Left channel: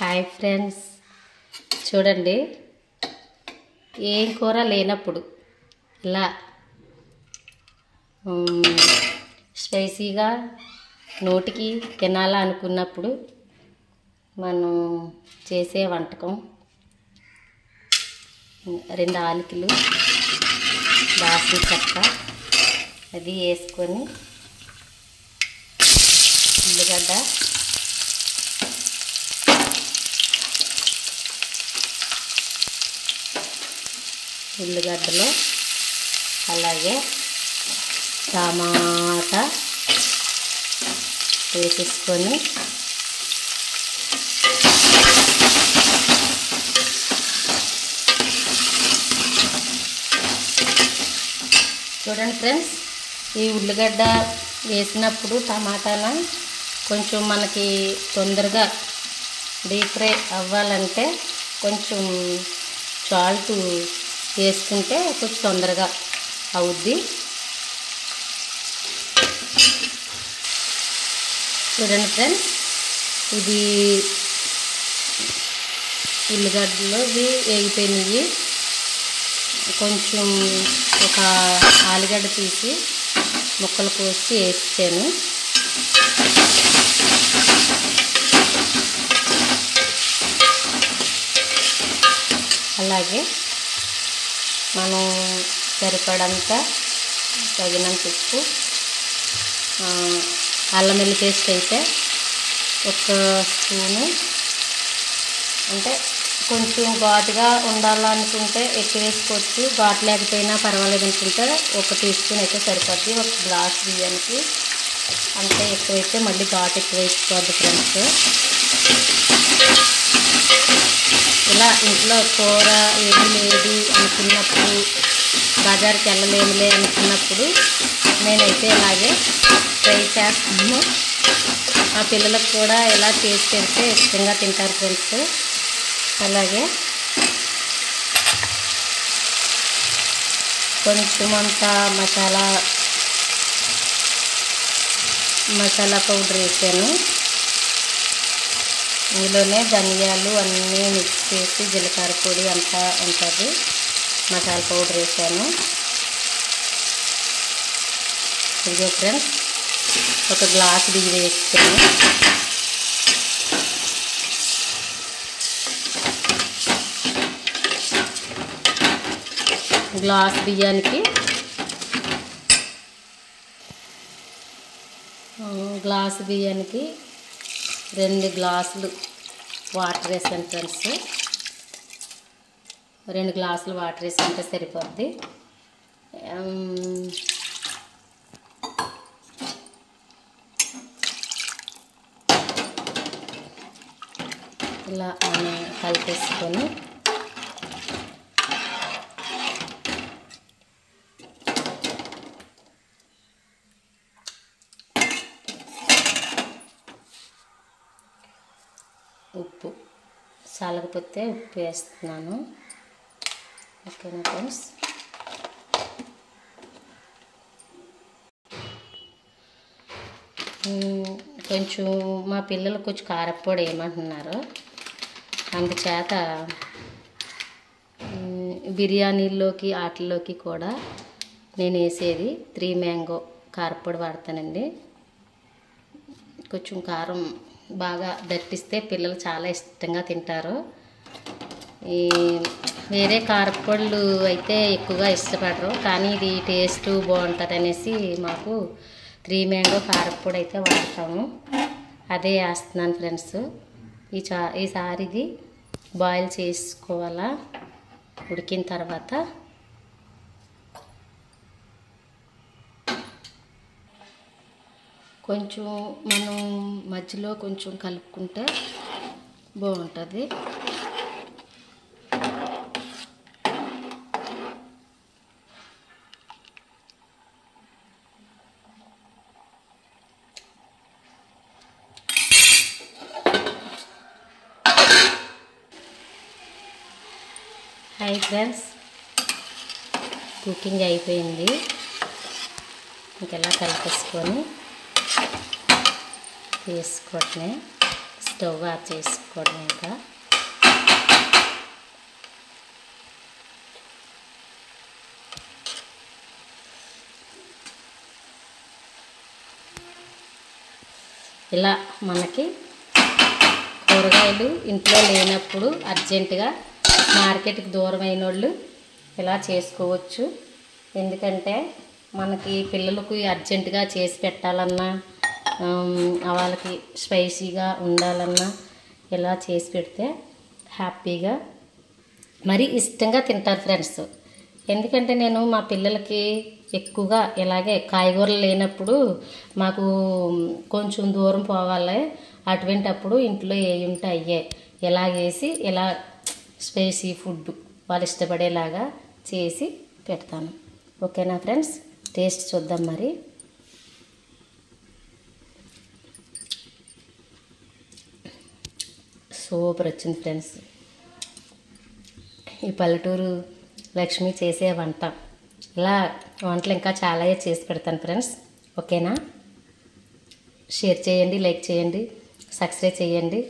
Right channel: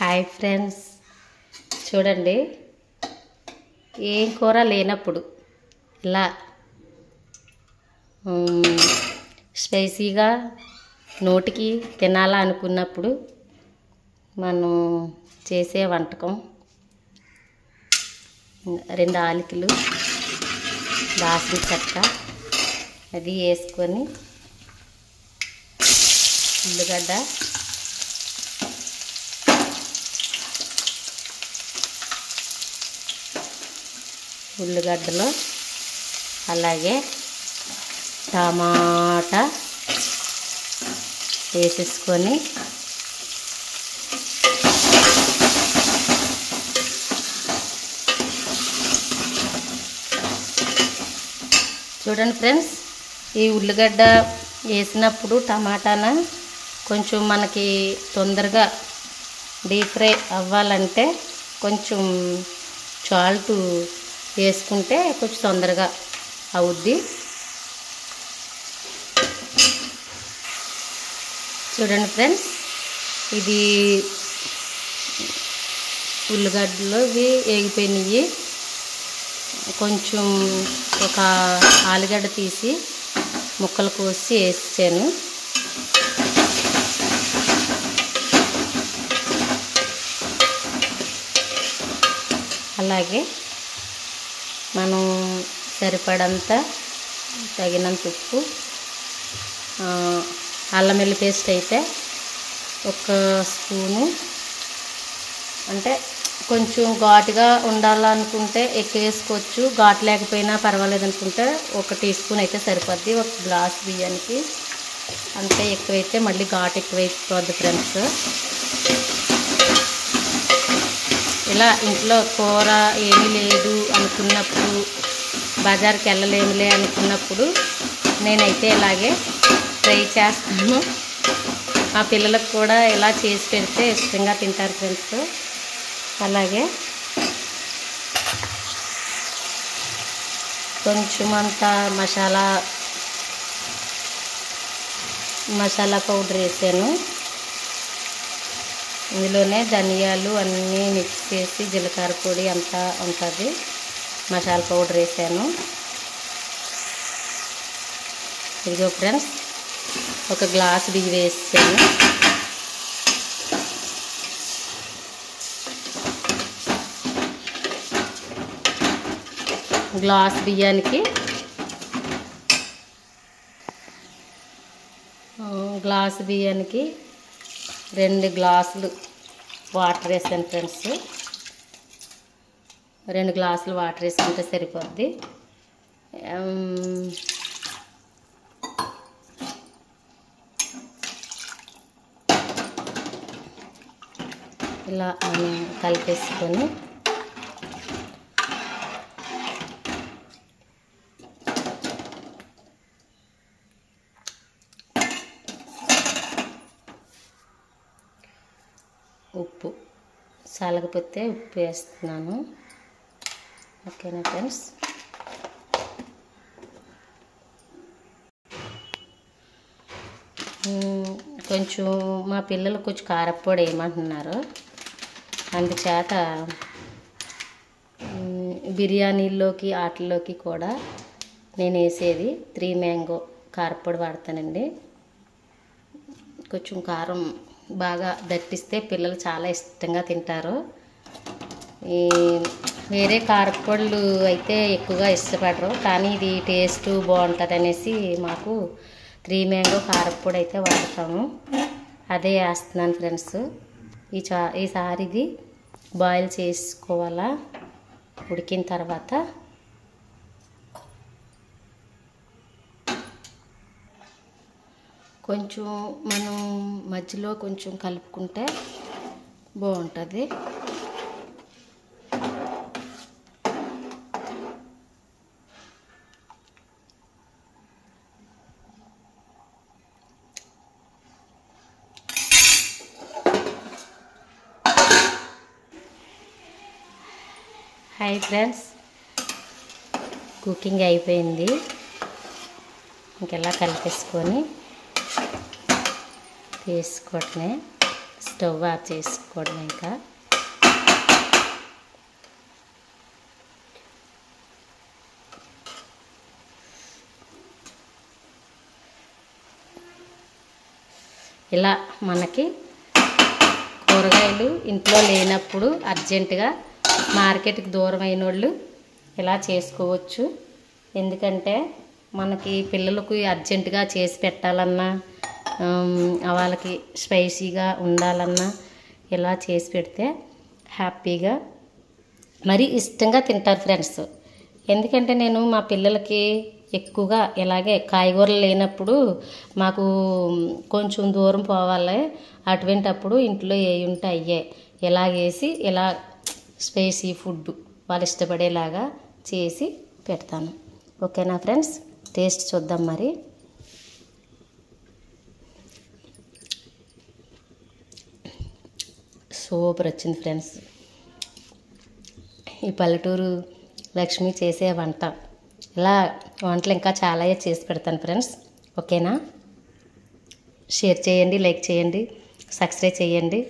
Hi friends, చూడండి ఏం కూర లేనప్పుడు ఇలా స్పైసీగా నోటికి తినాలా అనుకున్నప్పుడు మనం చేసే వంటకం 2 ఆలికలు దాల్చిన చెక్క అది వేసుకొని ఉల్లిగడ్డ ఉల్లిగడ్డలు అలాగే టమాటా వేసేసుకొని చూడండి ఫ్రెండ్స్, ఈ ఉల్లిగడ్డ వేసినప్పుడు టమాటాన కొంచెం మనకి తొందరగా డీప్ ఫ్రై అవ్వాలంటే కొంచెం సాల్ట్ వేసుకుంటే కొంచెం తొందరగా అవుద్ది. చూడండి ఫ్రెండ్స్, ఇది ఉల్లిగడ్డలు ఇవి వేగిపోయినాయి. కొంచెం ఒక ఆలుగడ్డ తీసి ముక్కలు కోసి వేసాను. అలాగే మనం సరిపడంత తగినంత ఉప్పు, అల్లం వెల్లుల్లి పేస్ట్ అయితే 1 స్పూను, అంటే కొంచెం ఘాటుగా ఉండాలనుకుంటే ఎక్కువ వేసుకోవచ్చు, ఘాటు లేకపోయినా పర్వాలేదు అనుకుంటే 1 టీ స్పూన్ అయితే సరిపోద్ది. 1 గ్లాస్ బియ్యానికి అంటే ఎక్కువైతే మళ్ళీ ఘాటు ఎక్కువ అయిపోద్ది ఫ్రెండ్స్. ఇలా ఇంట్లో కూర ఏమీ లేదు అనుకున్నప్పుడు, బజార్కి వెళ్ళలేములే అనుకున్నప్పుడు నేనైతే ఇలాగే ట్రై చేస్తాను. మా పిల్లలకు కూడా ఇలా చేసి పెడితే ఇష్టంగా తింటారు ఫ్రెండ్స్. అలాగే కొంచెం అంత మసాలా పౌడర్ వేసాను. ఇందులోనే ధనియాలు అన్నీ మిక్స్ చేసి జీలకర్ర పొడి అంతా ఉంటుంది, మసాలా పౌడర్ వేసాను. ఇదిగో ఫ్రెండ్స్, 1 గ్లాస్ బియ్యం వేసాను. గ్లాస్ బియ్యానికి 2 గ్లాసులు వాటర్ వేసాను ఫ్రెండ్స్. 2 గ్లాసులు వాటర్ వేసుకుంటే సరిపోద్ది. ఇలా మనం కలిపేసుకొని ఉప్పు సాలకపోతే ఉప్పు వేస్తున్నాను. ఓకేనా ఫ్రెండ్స్. కొంచెం మా పిల్లలు కొంచెం కారప్పొడి వేయమంటున్నారు, అందుచేత బిర్యానీల్లోకి వాటిల్లోకి కూడా నేను వేసేది 3 మ్యాంగో కారప్పొడి వాడతానండి. కొంచెం కారం బాగా దట్టిస్తే పిల్లలు చాలా ఇష్టంగా తింటారు. ఈ వేరే కారప్పొడులు అయితే ఎక్కువగా ఇష్టపడరు, కానీ ఇది టేస్ట్ బాగుంటుంది అనేసి మాకు 3 మ్యాంగో కారప్పొడి అయితే వాడతాము. అదే వేస్తున్నాను ఫ్రెండ్స్. ఈసారి ఇది బాయిల్ చేసుకోవాలా. ఉడికిన తర్వాత కొంచెం మనం మధ్యలో కొంచెం కలుపుకుంటే బాగుంటుంది. హాయ్ ఫ్రెండ్స్, కుకింగ్ అయిపోయింది. ఇంకెలా కలిపేసుకొని వేసుకోవటమే. స్టవ్ ఆఫ్ చేసుకోవడం ఇంకా. ఇలా మనకి కూరగాయలు ఇంట్లో లేనప్పుడు అర్జెంటుగా మార్కెట్కి దూరం అయిన వాళ్ళు ఇలా చేసుకోవచ్చు. ఎందుకంటే మనకి పిల్లలకు అర్జెంటుగా చేసి పెట్టాలన్నా, వాళ్ళకి స్పైసీగా ఉండాలన్నా ఇలా చేసి పెడితే హ్యాపీగా మరి ఇష్టంగా తింటారు ఫ్రెండ్స్. ఎందుకంటే నేను మా పిల్లలకి ఎక్కువగా ఇలాగే కాయగూరలు లేనప్పుడు మాకు కొంచెం దూరం పోవాలి, అటువంటప్పుడు ఇంట్లో ఏ ఉంటే అయ్యే ఇలా వేసి ఇలా స్పైసీ ఫుడ్ వాళ్ళు ఇష్టపడేలాగా చేసి పెడతాను. ఓకేనా ఫ్రెండ్స్, టేస్ట్ చూద్దాం మరి. సూపర్ వచ్చింది ఫ్రెండ్స్. ఈ పల్లెటూరు లక్ష్మి చేసే వంట, ఇలా వంటలు ఇంకా చాలా చేసి పెడతాను ఫ్రెండ్స్. ఓకేనా, షేర్ చేయండి, లైక్ చేయండి, సబ్స్క్రైబ్ చేయండి.